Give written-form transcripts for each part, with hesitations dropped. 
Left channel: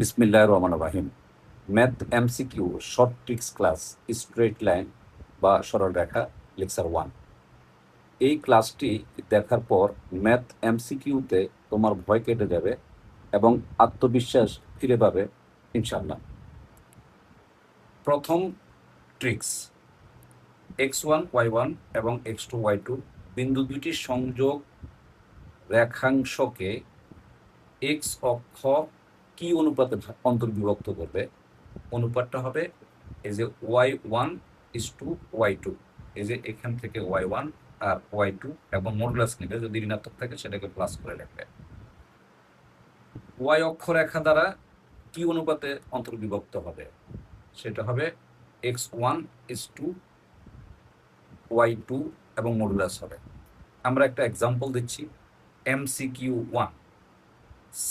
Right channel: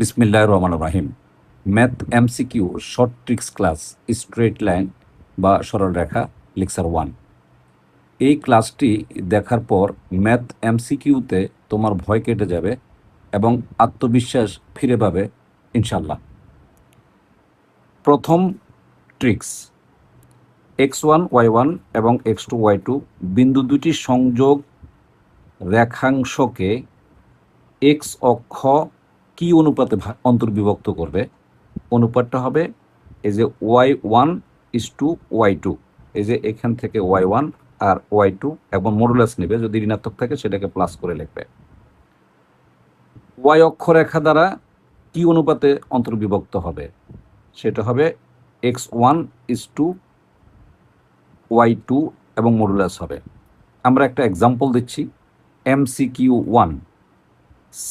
বিসমিল্লাহির রহমানির রহিম। Math MCQ short tricks class, straight line বা সরলরেখা লেকচার 1। এই ক্লাসটি দেখার পর ম্যাথ এমসিকিউতে তোমার ভয় কেটে যাবে এবং আত্মবিশ্বাস ফিরে পাবে ইনশাল্লাহ। প্রথম ট্রিক্স, x1 y1 এবং x2 y2 বিন্দু দুটি সংযোগ রেখাংশকে এক্স অক্ষ কি অনুপাতে অন্তর্বিভক্ত করবে? অনুপাতটা হবে এই যে y1:y2, এই যে এখান থেকে y1 আর y2 এবং মডুলাস নেবে, যদি ঋণাত্মক থাকে সেটাকে প্লাস করে লিখবে। y অক্ষরেখা দ্বারা কি অনুপাতে অন্তর্বিভক্ত হবে? সেটা হবে x1:y2 এবং মডুলাস হবে। আমরা একটা এক্সাম্পল দিচ্ছি, MCQ1।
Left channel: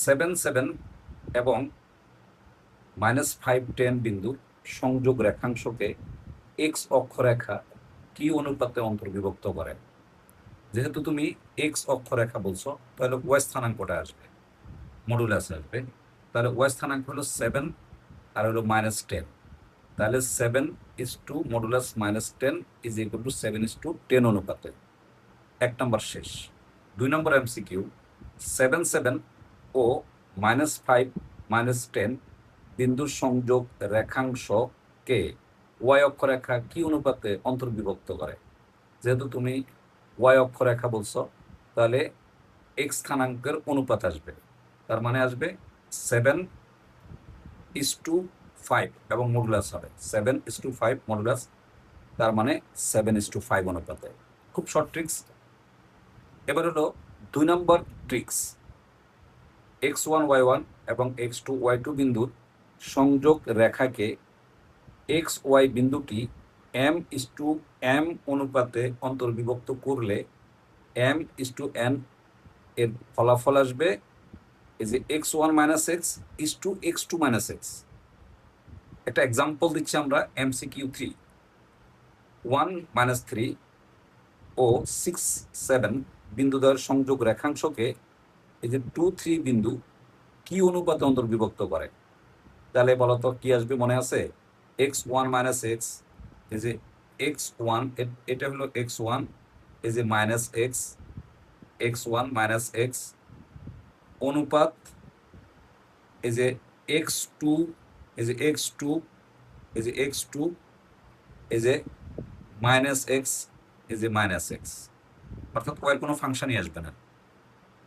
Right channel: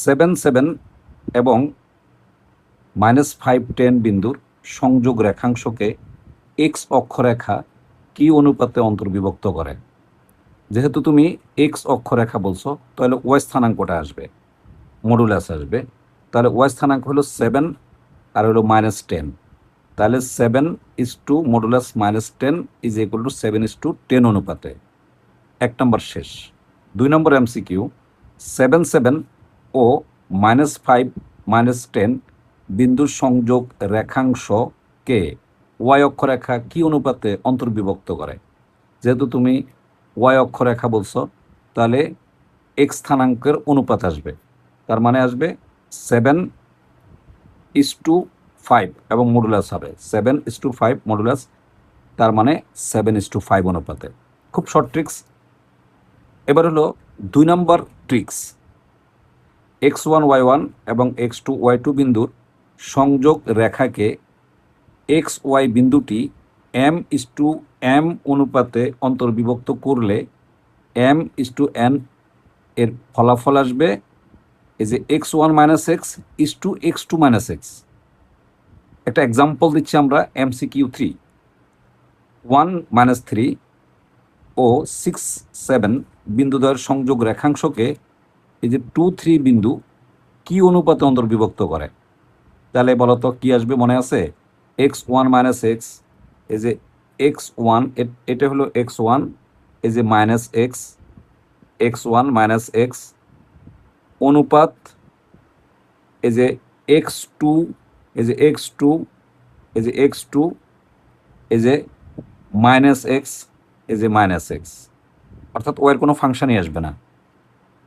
7 এবং -5 10 বিন্দুর সংযোগ রেখাংশকে এক্স অক্ষরেখা কি অনুপাতে অন্তর্বিভক্ত করে? যেহেতু তুমি এক্স অক্ষরেখা বলছো, তাহলে ওয়াই স্থানাঙ্কটা আসবে, মডুলাস আসবে। তাহলে ওয়াই স্থানাঙ্ক হলো 7 আর হলো -10। তাহলে 7:, মডুলাস -10 ইজ ইকুয়াল টু 7:10 অনুপাতে। 1 নম্বর শেষ। 2 নম্বর MCQ, 7 ও -5 -10 বিন্দুর সংযোগ রেখাংশকে ওয়াই অক্ষরেখা কি অনুপাতে অন্তর্বিভক্ত করে? যেহেতু তুমি ওয়াই অক্ষরেখা বলছো, তাহলে এক্স স্থানাঙ্কের অনুপাত আসবে, তার মানে আসবে 7:5 এবং মডুলাস হবে 7:5 মডুলাস, তার মানে 7:5 অনুপাতে। খুব শর্ট ট্রিক্স। এবার হলো 2 নম্বর ট্রিক্স, x1 y1 এবং x2 y2 বিন্দুর সংযোগ রেখাকে এক্স ওয়াই বিন্দুটি m:m অনুপাতে অন্তর্বিভক্ত করলে m:n এর ফলাফল আসবে এই যে x1 - x::x2 - x। একটা এক্সাম্পল দিচ্ছি আমরা, MCQ3। 1 - 3 ও 6 7 বিন্দুদ্বয়ের সংযোগ রেখাংশকে এই যে 2 3 বিন্দু কি অনুপাতে অন্তর্বিভক্ত করে? তাহলে বলতো কি আসবে, মনে আছে? x1 - x, এই যে x1, এটা হলো x1, এই যে -x, x1 - x অনুপাত এই যে x2, এই যে x2, এই যে x2, এই যে -x, এই যে -x, অর্থাৎ ওয়ের কোনো ফাংশনই আসবে না।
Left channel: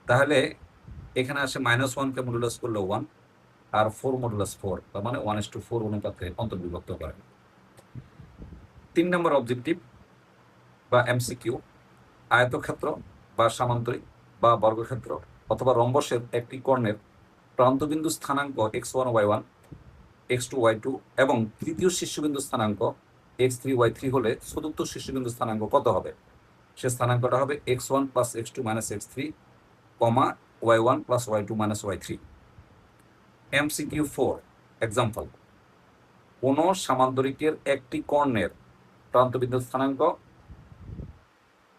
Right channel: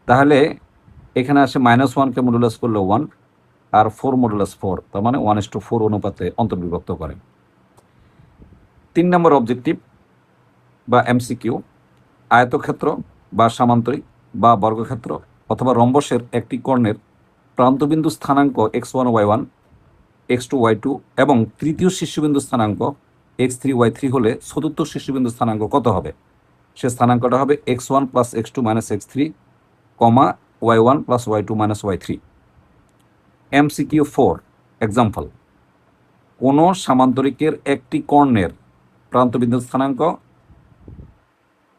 তাহলে এখানে আসে -1কে মডুলাস করলে 1 আর 4 মডুলাস 4, তার মানে 1:4 অনুপাতে অন্তর্বিভক্ত করে। 3 নম্বর অবজেক্টিভ বা MCQ, আয়তক্ষেত্র বা সামান্তরিক বা বর্গক্ষেত্র অথবা রম্বসের একটি কর্ণের প্রান্তবিন্দু স্থানাঙ্ক x1 y1, x2 y2 এবং তৃতীয় শীর্ষবিন্দু স্থানাঙ্ক x3 y3 হলে চতুর্থ শীর্ষবিন্দু স্থানাঙ্ক কত হবে? সে স্থানাঙ্কটা হবে x1 + x2 - x3, y1 + y2 - y3। MCQ4 example, কোন সামান্তরিকের একটি কর্ণের প্রান্তবিন্দু স্থানাঙ্ক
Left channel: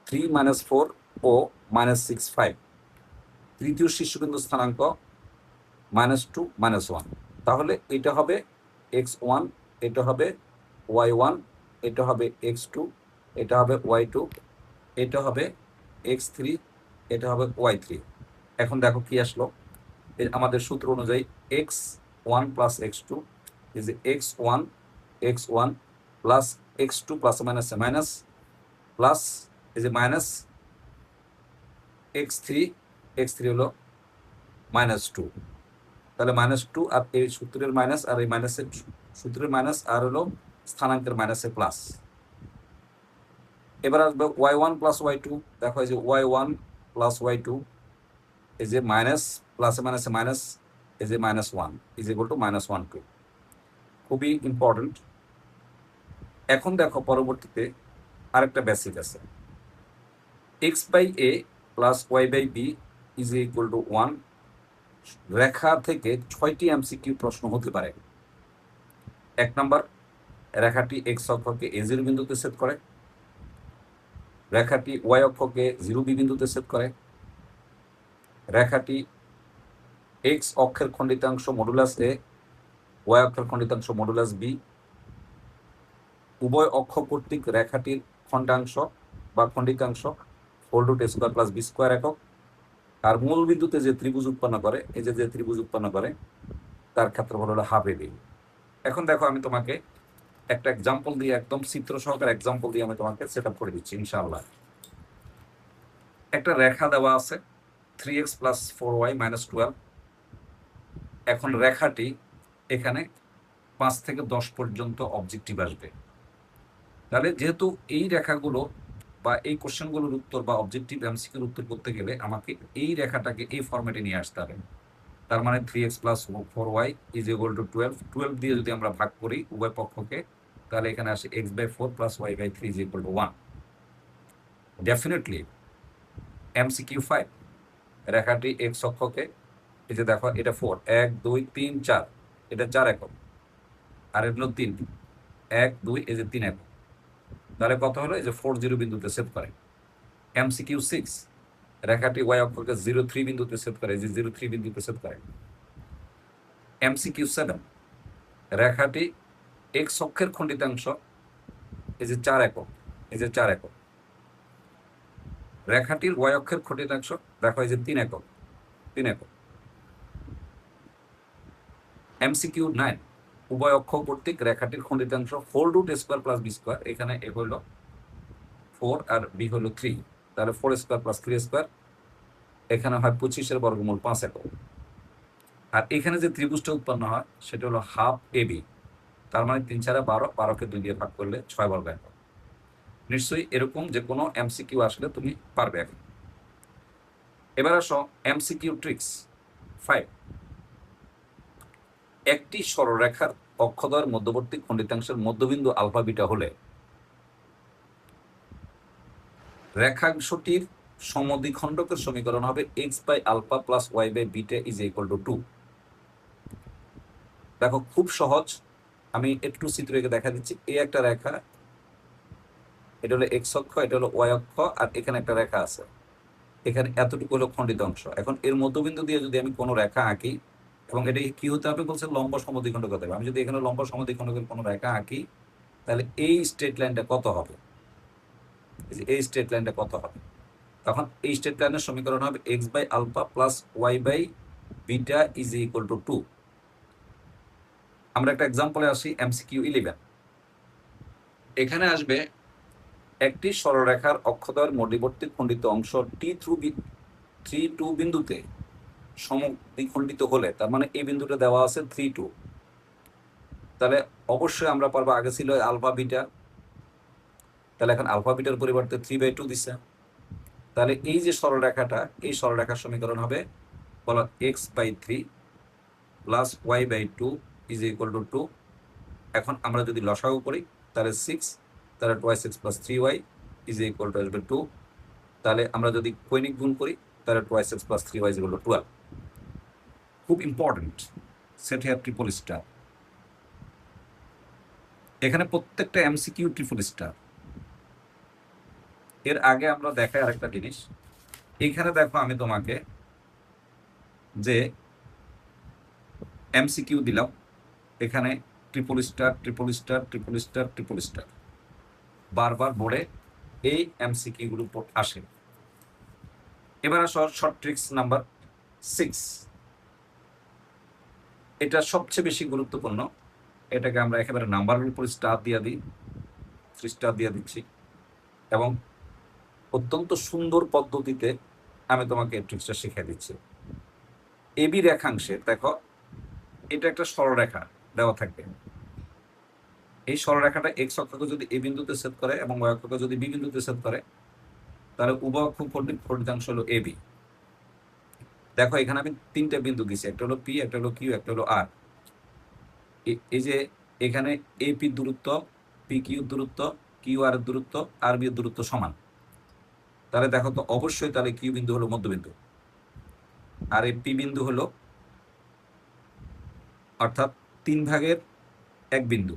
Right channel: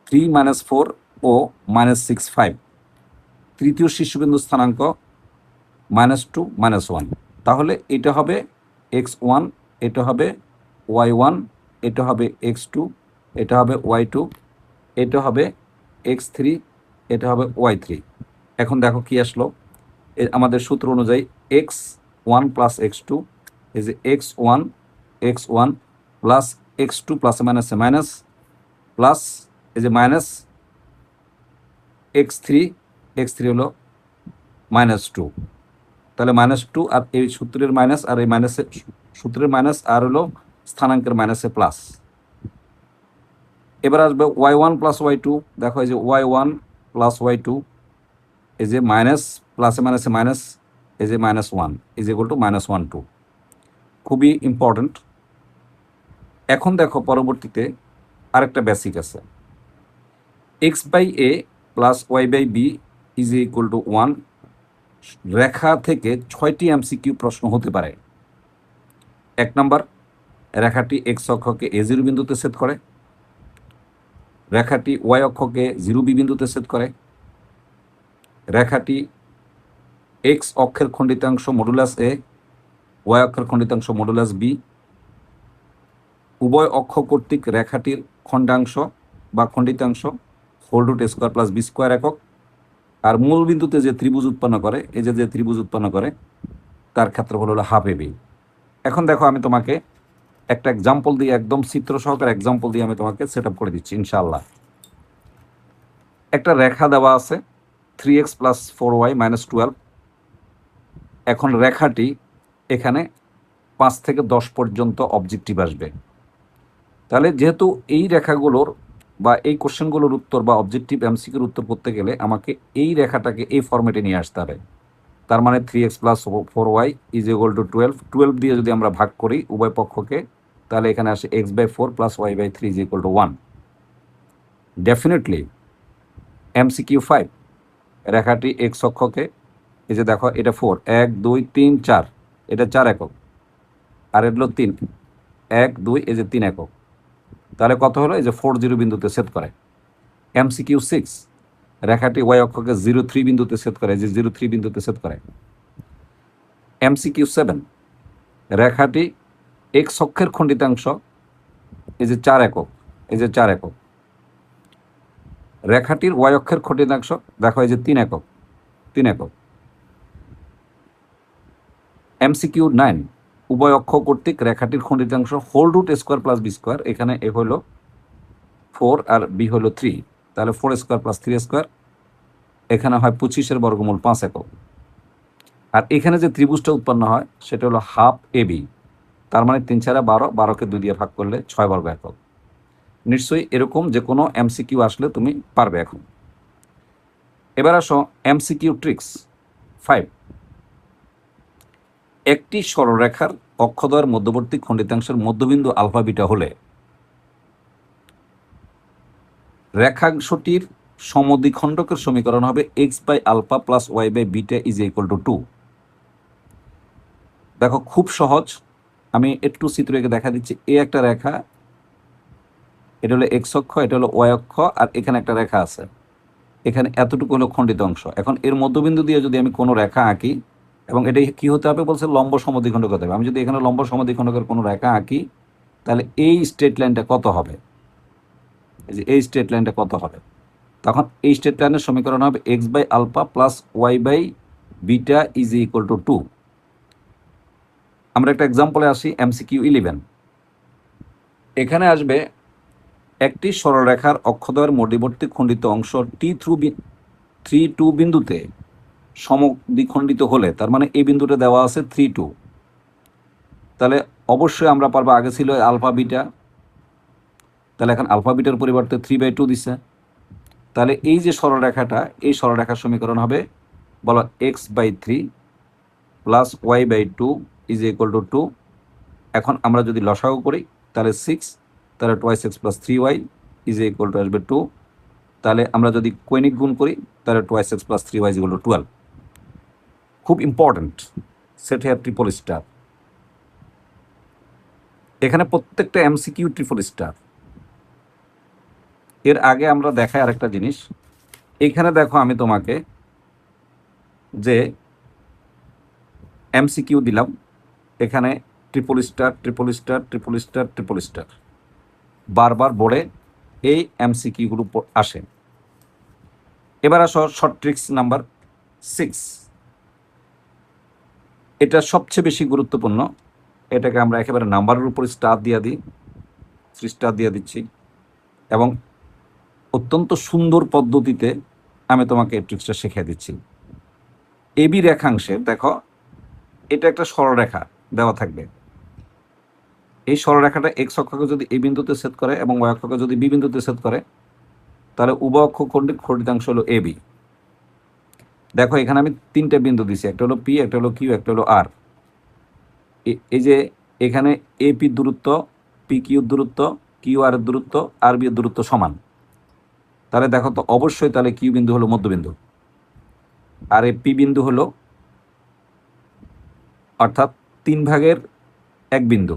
3 - 4 ও -6 5, তৃতীয় শীর্ষবিন্দু স্থানাঙ্ক -2 -1। তাহলে এটা হবে x1, এটা হবে y1, এটা হবে x2, এটা হবে y2, এটা হবে x3, এটা হবে y3। এখন দেখো কি আসলো, আমাদের সূত্র অনুযায়ী x1 + x2, এই যে x1 প্লাস x2 প্লাস মাইনাসে মাইনাস, প্লাস এই যে মাইনাস x3 হলো -2। তাহলে -2 আর এই সূত্রের মাইনাস আর এই মাইনাসের সূত্রের মাইনাস আর হলো স্থানাঙ্কের মাইনাসে প্লাস। এবার আসবে y1 + y2, দেখো এই যে y1 + y2, এই যে মাইনাস প্লাসে মাইনাসে মাইনাস, এই যে -1 ইজ ইকুয়াল টু -1 2। খুবই ইম্পর্টেন্ট। এখন দেখো পরবর্তীতে আরেকটা বেসিক আছে, x/a + y/b is equal to 1 রেখা থেকে 6টি MCQ প্রশ্ন হতে পারে। 1 নম্বর, রেখাটি x অক্ষকে a0 বিন্দুতে ছেদ করে, রেখাটি y অক্ষকে 0b বিন্দুতে ছেদ করে, রেখাটি এক্স অক্ষের খণ্ডিতাংশ মডুলাস এ, ওয়াই অক্ষের খণ্ডিতাংশ মডুলাস বি, উভয় অক্ষ কর্তৃক রেখাটির খণ্ডাংশ বা খণ্ডিতাংশ হোল রুট এ স্কোয়ার প্লাস বি স্কোয়ার একক, আর মূল বিন্দুতে যে ত্রিভুজ উৎপন্ন করে, এই যে ত্রিভুজ উৎপন্ন করে তার ক্ষেত্রফল হলো হাফ এবি। এখন দেখো আমি তোমাকে একটা এক্সাম্পল দিয়ে, একদম চিত্র সহকারে এক্সাম্পল দিয়ে আমি তোমাকে সেট আপ করে দিচ্ছি ইনশাআল্লাহ। একটা রেখা দেওয়া আছে 3x প্লাস 4y মাইনাস 12। এখন রেখাটি এখানে 5 থেকে 10 পর্যন্ত অবজেক্টিভ আসবে। তাহলে যেহেতু এই রেখাগুলোর বা এই কোশ্চেনগুলোর উত্তর বা অবজেক্টিভ এমসিকিউর উত্তর করতে গেলে আমাকে এই রেখাটাকে এই ফরম্যাটে নিয়ে আসতে হবে। তার মানে 3x plus 4y is equal to 12 দিয়ে যদি আমরা ভাগ করি উভয় পক্ষকে, তাহলে এখানে আসে x/4 plus y/3 is equal to 1। Definitely MCQ 5, রেখাটি এক্স অক্ষকে, এই যে দেখো এটা 4, 1 2 3 4, এটা 4 একক, আর এটা হলো 3, 1 2, এই যে 3 একক। তাহলে কত হলো? এই যে 40 বিন্দুতে সেট করে। এমসিকিউ 6, রেখাটি ওয়াই অক্ষকে 03 বিন্দুতে সেট করে, যে 03 বিন্দুতে সেট করে। এমসিকিউ 7, রেখাটি এক্স অক্ষের খণ্ডিতাংশ, এই যে 4 একক, এই যে 4 একক। রেখাটির ওয়াই অক্ষের খণ্ডিতাংশ দেখো, এই যে 3 একক, 3 একক। এমসিকিউ 9, উভয় অক্ষ কর্তৃক রেখাটির খণ্ডিতাংশ হোল রুট এ স্কোয়ার প্লাস বি স্কোয়ার। এখানে এ হলো 4 আর বি হলো 3, তাহলে 4 স্কোয়ার প্লাস 3 স্কোয়ার। এখানে হয় 25 বর্গমূল 5 একক। আর এখানে যে ত্রিভুজটা উৎপন্ন হয় সেটা হলো হাফ এবি। তার মানে 3 4 12, 12কে 2 দিয়ে ভাগ করলে 6 বর্গ একক। নিশ্চয়ই এরকম যে কোনো এমসিকিউ আসলে তুমি পারবে। এখন এবার আসো এমসিকিউ ট্রিক্স 5। একটি সরলরেখার অক্ষদ্বয়ের মধ্যবর্তী খণ্ডিতাংশের মধ্যবিন্দু আলফা বিটা হলে রেখাংশটির সমদ্বিখণ্ডকের সমীকরণ হবে x/α প্লাস y/বিটা ইজ ইকুয়াল টু 2। দেখো খুব সহজ, আমি একটু চিত্র এঁকে দেখা দিচ্ছি। এ একটা রেখা, এটা হলো এক্স অক্ষ, এটা হলো ওয়াই অক্ষ, আর এখানে একটা রেখা আছে, এখানে এতটুকু হলো খণ্ডিত অংশ। এখন এর মধ্যবিন্দু দিয়ে যদি আমি কোনো রেখা আঁকি, এবং এটা কি হতে হবে বলছে, লম্ব সমদ্বিখণ্ডক হতে হবে। আমি যদি এখানে লম্ব সমদ্বিখণ্ডকের কোনো রেখা আঁকি, তাহলে এই স্ট্রেট লাইনটা কত হবে? এই যে এই স্ট্রেট লাইনটা কত হবে? তখন এই স্ট্রেট লাইনের সমীকরণ হবে x/α প্লাস y/বিটা ইজ ইকুয়াল টু 2। আমরা একটা এক্সাম্পলে আসি, এমসিকিউ 11। এখানে আসবে একটি সরলরেখার অক্ষদ্বয়ের মধ্যবর্তী খণ্ডিত অংশ T3 2 বিন্দুতে সমদ্বিখণ্ডিত হলে, তার মানে এই বিন্দুটা দেওয়া আছে 3 2, তাহলে অবশ্যই আমরা পারবো, আগে ছিল আলফা বিটা, তাহলে এখন আলফা বিটার পরিবর্তে 3/2 দিছে। তাহলে এই যে সরলরেখাটা, এই সরলরেখার সমীকরণ হবে, বলো x/3 plus y/2 is equal to 2। এখন আমরা যদি লসাগু করি তাহলে 6, তাহলে 2x plus 3y is equal two আসবে 2। তাহলে আমরা যদি কৈনিক গুণ করি তাহলে 2x plus 3y is equal to 12। খুব important, set here triple star. এখানে প্রত্যেকটা এমসিকিউ ট্রিপল স্টার। এর আগে আমরা দেখাই আরেকটা জিনিস। এইখানে দেখো আমি তোমাকে যে এমসিকিউ দিলাম, এখানে triple star, triple star, triple star, triple star বারবার বোর্ডে এই এমসিকিউগুলো আসে। এবার আসো শর্ট ট্রিক্স নাম্বার 6। এটা সবচেয়ে বেশি গুরুত্বপূর্ণ। এটাকে আমরা একেবারে নাম্বারের উপর স্টার দিয়ে দিই, 3 স্টার দিয়ে দিচ্ছি, এবং অত্যন্ত সুন্দর পদ্ধতিতে আমি তোমাকে এই ট্রিক্সটা শিখিয়ে দিচ্ছি। এবি রেখাংশে দেখো, এটা একটা সরলরেখা দেওয়া থাকবে। এই সরলরেখাটা এক্স অক্ষকে যদি এই বিন্দুতে সেট করে এবং ওয়াই অক্ষকে যদি বি বিন্দুতে সেট করে, তাহলে উভয় অক্ষ খণ্ডিতাংশ হলো এবি। দেখো এখানে আমি 3টে বিন্দু দিছি, একটা হলো পি, একটা হলো কিউ, একটা হলো আর। এই যে এখানে এপি দূরত্ব, পি কিউর দূরত্ব, কিউ আর এর দূরত্ব, আর বি এর দূরত্ব সমান। তাহলে দেখো তো অবশ্যই তাহলে কিউ বিন্দু হলো মধ্যবিন্দু, আর এই পি বিন্দু হলো অর্থাৎ 3/1 বিন্দু,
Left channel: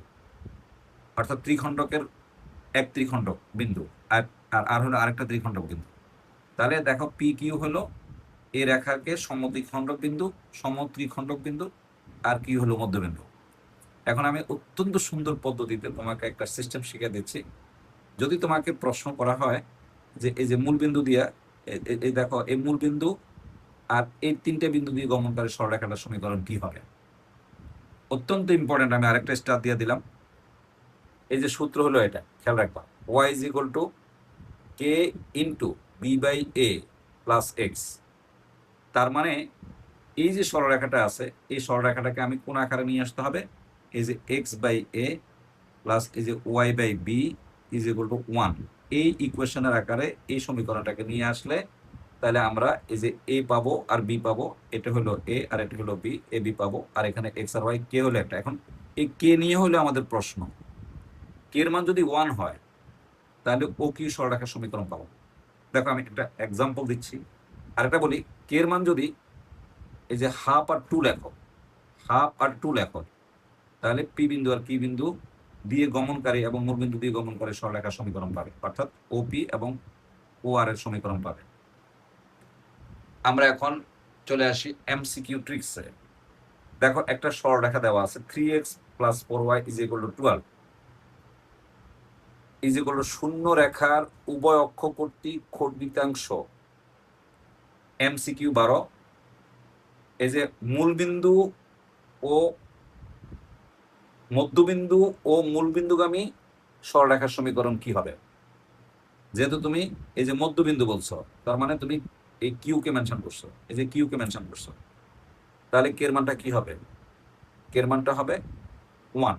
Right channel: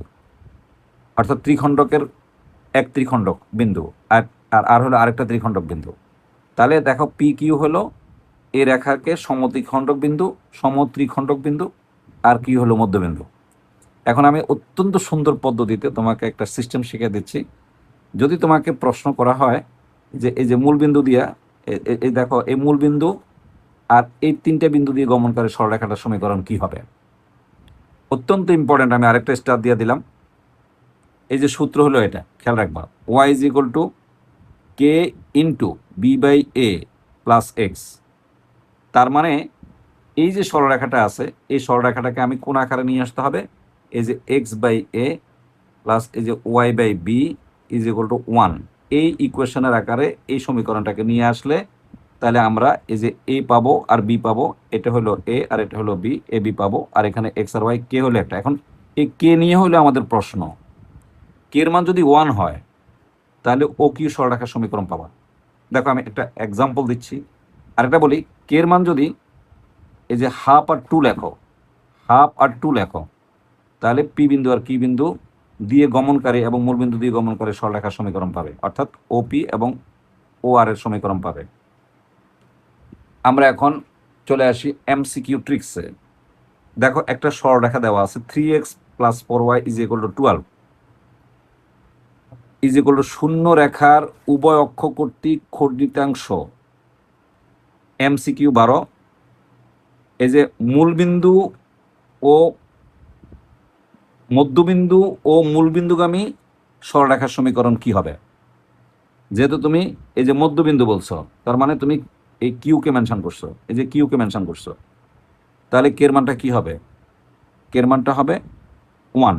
অর্থাৎ ত্রিখণ্ডকের এক ত্রিখণ্ডক বিন্দু, আর আর হলো আরেকটা ত্রিখণ্ডক বিন্দু। তাহলে দেখো পি কিউ হলো এই রেখাকে সমদ্বিখণ্ডক বিন্দু, সমত্রিখণ্ডক বিন্দু, আর কি হলো মধ্যবিন্দু। এখন আমি অত্যন্ত সুন্দর পদ্ধতিতে তোমাকে একটা সিস্টেম শিখিয়ে দিচ্ছি। যদি তোমাকে প্রশ্ন করা হয় যে এই যে মূল বিন্দু দিয়া এই দেখো এই মূল বিন্দু আর এই তিনটে বিন্দু দিয়ে গমনকারী সরলরেখাটার সমীকরণ কি হবে, অত্যন্ত ইম্পর্টেন্ট। আমি আরেকটা স্টার দিয়ে দিলাম। এই যে সূত্র হলো এটা, খেয়াল রাখবা, y is equal to k into b by a plus x. তার মানে এই যে সরলরেখাটা আছে, এই সরলরেখাটাকে আমি কোন আকারে নিয়ে আসতে হবে, এই যে এক্স বাই এ প্লাস এই যে y by b is equal to 1, এই ইকুয়েশনের আকারে এই সমীকরণটাকে নিয়ে আসলে তাহলে আমরা এই যে এ পাবো আর বি পাবো, এটা হলো এ আর এটা হলো বি, এ বি পাবো, আর এখানে এক্স আর ওয়াই, কে হলো একটা। এখন এই কে নিয়ে হলো আমাদের প্রশ্ন, কে এর মান যদি 1 হয় তাহলে ও কি সরলরেখার সমীকরণ পাবা। দেখো আমি একটা এক্সাম্পল দিচ্ছি, আরেকটা বলি, কে এর মান যদি এই যে হাফ আর 2 লেখো, হাফ আর 2 লেখো, তাহলে পি বিন্দু আর কি বিন্দু দিয়ে গমনকারী এবং মূল বিন্দু দিয়ে গমনকারী সরলরেখার সমীকরণ পাবে, অর্থাৎ ওপি এবং ও আর এর সমীকরণ পাবে। আমরা এখন চলে আসি এমসিকিউ ট্রিক্সে। দেখো একটা সরলরেখা দেওয়া আছে 3x plus 4y is equal to 12 is equal two শূন্য রেখার উভয় অক্ষ কর্তৃক খণ্ডিতাংশ। এমসিকিউ 12, এই যে মূলবিন্দু ও মধ্যবিন্দু ও মূলবিন্দুগামী সরলরেখার সমীকরণ কি হবে। যেহেতু তুমি এই যে মধ্যবিন্দু বলছো, তার মানে তুমি এই কিউকে মেনশন করছো, এই যে কিউকে মেনশন করছো, তাহলে কের মানটা কি হবে, কের মানটা হবে 1।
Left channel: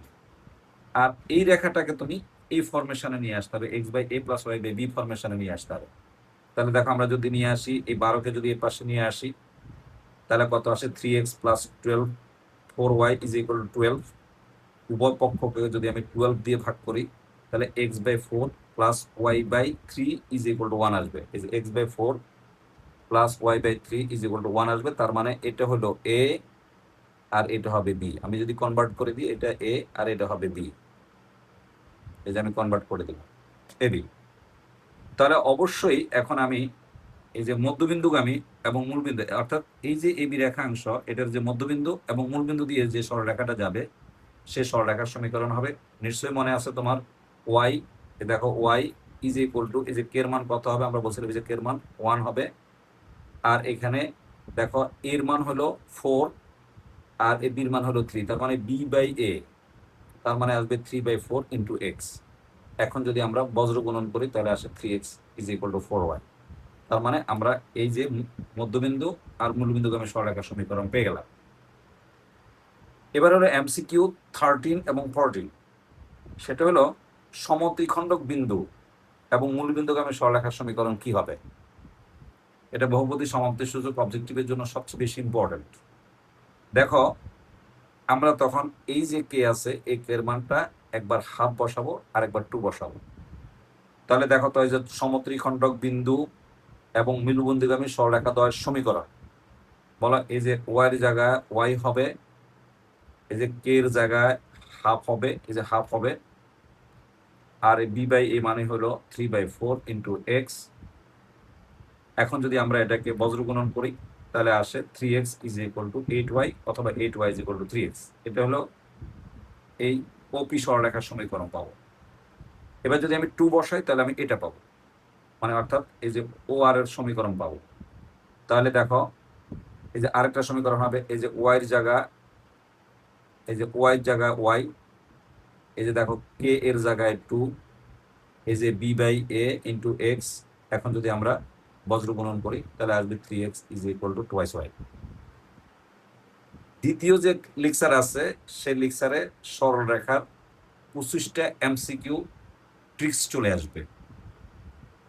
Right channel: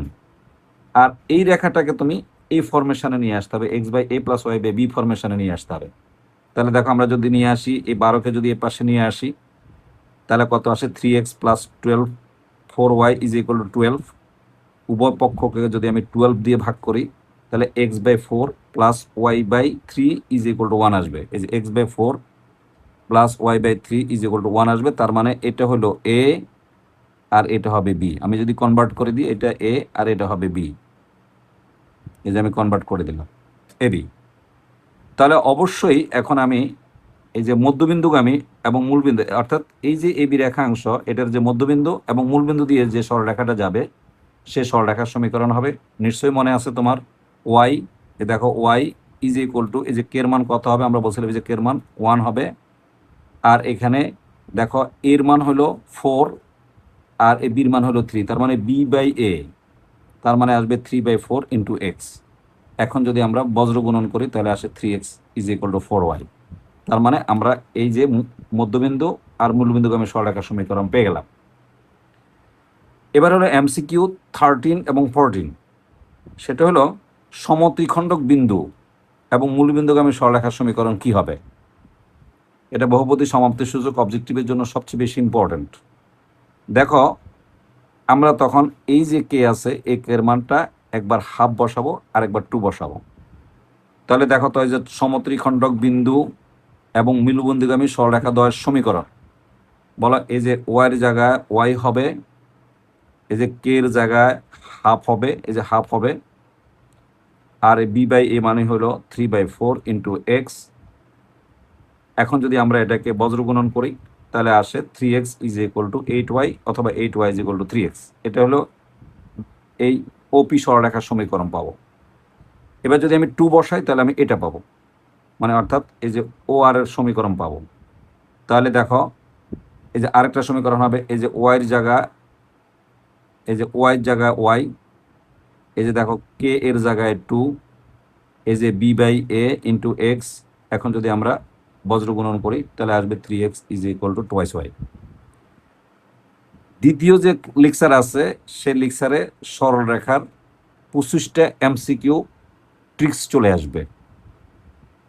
আর এই রেখাটাকে তুমি এই ফরমেশনে নিয়ে আসতে হবে, x by a plus y by b ফরমেশনে নিয়ে আসতে হবে। তাহলে দেখো আমরা যদি নিয়ে আসি, এই 12কে যদি এ পাশে নিয়ে আসি, তাহলে কত আসে 3x plus 12, 4y is equal to 12। উভয় পক্ষকে যদি আমি 12 দিয়ে ভাগ করি, তাহলে x by 4 plus y by 3 is equal to 1 আসবে। এই যে x by 4 plus y by 3 is equal to 1 আসবে। তার মানে এটা হলো এ আর এটা হবে বি। আমি যদি কনভার্ট করে দিই, এটা এ আর এটা হবে বি, এই যে আমি কনভার্ট করে দিলাম এ বি। তাহলে অবশ্যই এখন আমি এই যে মধ্যবিন্দুগামী এবং মূলবিন্দু, অর্থাৎ এই যে এবি রেখাংশ, এটার যে মধ্যবিন্দু এবং মূলবিন্দু দিয়ে যে সরলরেখাটা যাবে, সে সরলরেখার সমীকরণ হবে। নিশ্চয়ই মনে আছে তোমার, ওয়াই, এ দেখো ওয়াই ইজ ইকুয়াল টু, এই যে কের মান কত হবে, আমরা বলছিলাম এই যে কের মান 1 হবে। আর এখানে দেখো এর মান হলো 4 আর এ বির মান হলো 3, তার মানে বি বাই এ, তার মানে আসবে 3/4 ইন্টু এক্স। এখন যদি আমরা বজ্র গুণন করি তাহলে আসে 3x is equal two 4y। তার মানে আমরা এই যে মধ্যবিন্দু আর মূলবিন্দুগামী সরলরেখার সমীকরণ পেয়ে গেলাম। এবার হলো এমসিকিউ 13 এবং 14। সেটা হলো সমদ্বিখণ্ডক বিন্দু এবং মূলবিন্দুগামী সরলরেখার সমীকরণ কি হবে। এটা বহুপদী সমাপ্তি সূচক অবজেক্টিভের জন্য সবচেয়ে বেশি ইম্পর্টেন্ট। দেখো আমরা তখন এই যে কে আছে, এই কের মানটা একবার হাফ বসাবো আর একবার 2 বসাবো। তাহলে দেখো তো এই যে সমদ্বিখণ্ডক বিন্দু এবং মূলবিন্দুগামী সরলরেখা দ্বয়ের সমীকরণ বলা, এই যে ওয়াই এর জায়গায় ওয়াই হবে, এই যে কে এর জায়গায় হাফ হবে, এই যে হাফ হবে, আর বি বাই এ মানে হলো 3/4 ইন্টু এক্স। এখন যদি আমরা এটাকে বজ্র গুণন করি তাহলে আসে 3x is equal two 8y অথবা 8y is equal two 3x। এটা হলো এই ওপি সরলরেখার সমীকরণ পাবো। এবার যদি আমি 2 বসাই তাহলে আমি এটা পাবো, মানে অর্থাৎ এই যে ও আর এর সমীকরণ পাবো। তাহলে দেখো এই যে আরেকটা সমীকরণ হবে, এই যে ওয়াই এর জায়গায়, এই যে ওয়াই এর জায়গায় ওয়াই, এই যে দেখো কে এর জায়গায় 2, এই যে b by a into x. এখন যদি আমরা বজ্র গুণন করি তাহলে আসবে 3x is equal two 2y। দ্বিতীয় যে লিক্সার আছে সে লিক্সারে সরলরেখার 25টা এমসিকিউ ট্রিক্স চলে আসবে,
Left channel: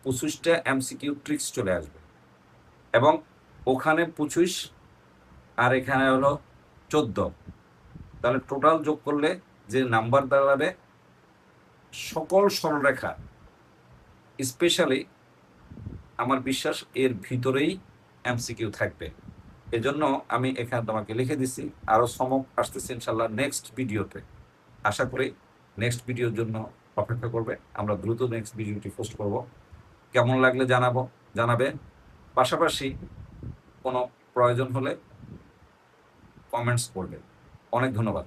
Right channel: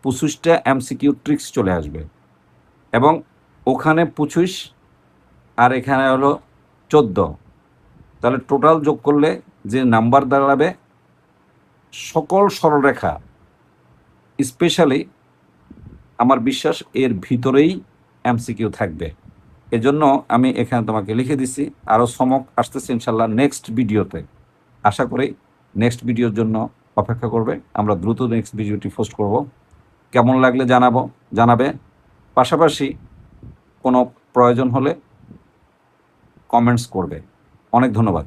25টা এমসিকিউ ট্রিক্স চলে আসবে, এবং ওখানে 25 আর এখানে হলো 14, তাহলে টোটাল যোগ করলে যে নাম্বার দাঁড়াবে, সকল সরলরেখা, স্পেশালি আমার বিশ্বাস এর ভিতরেই এমসিকিউ থাকবে। এজন্য আমি এখানে তোমাকে লিখে দিছি। আরও চমক আসতেছে ইনশাল্লাহ নেক্সট ভিডিওতে। আশা করি নেক্সট ভিডিওর জন্য অপেক্ষা করবে, আমরা দ্রুত নেক্সট ভিডিওটি পোস্ট করব। কেমন লাগলে জানাবে। পাশাপাশি কোনো প্রয়োজন হলে কমেন্টস করবে। অনেক ধন্যবাদ।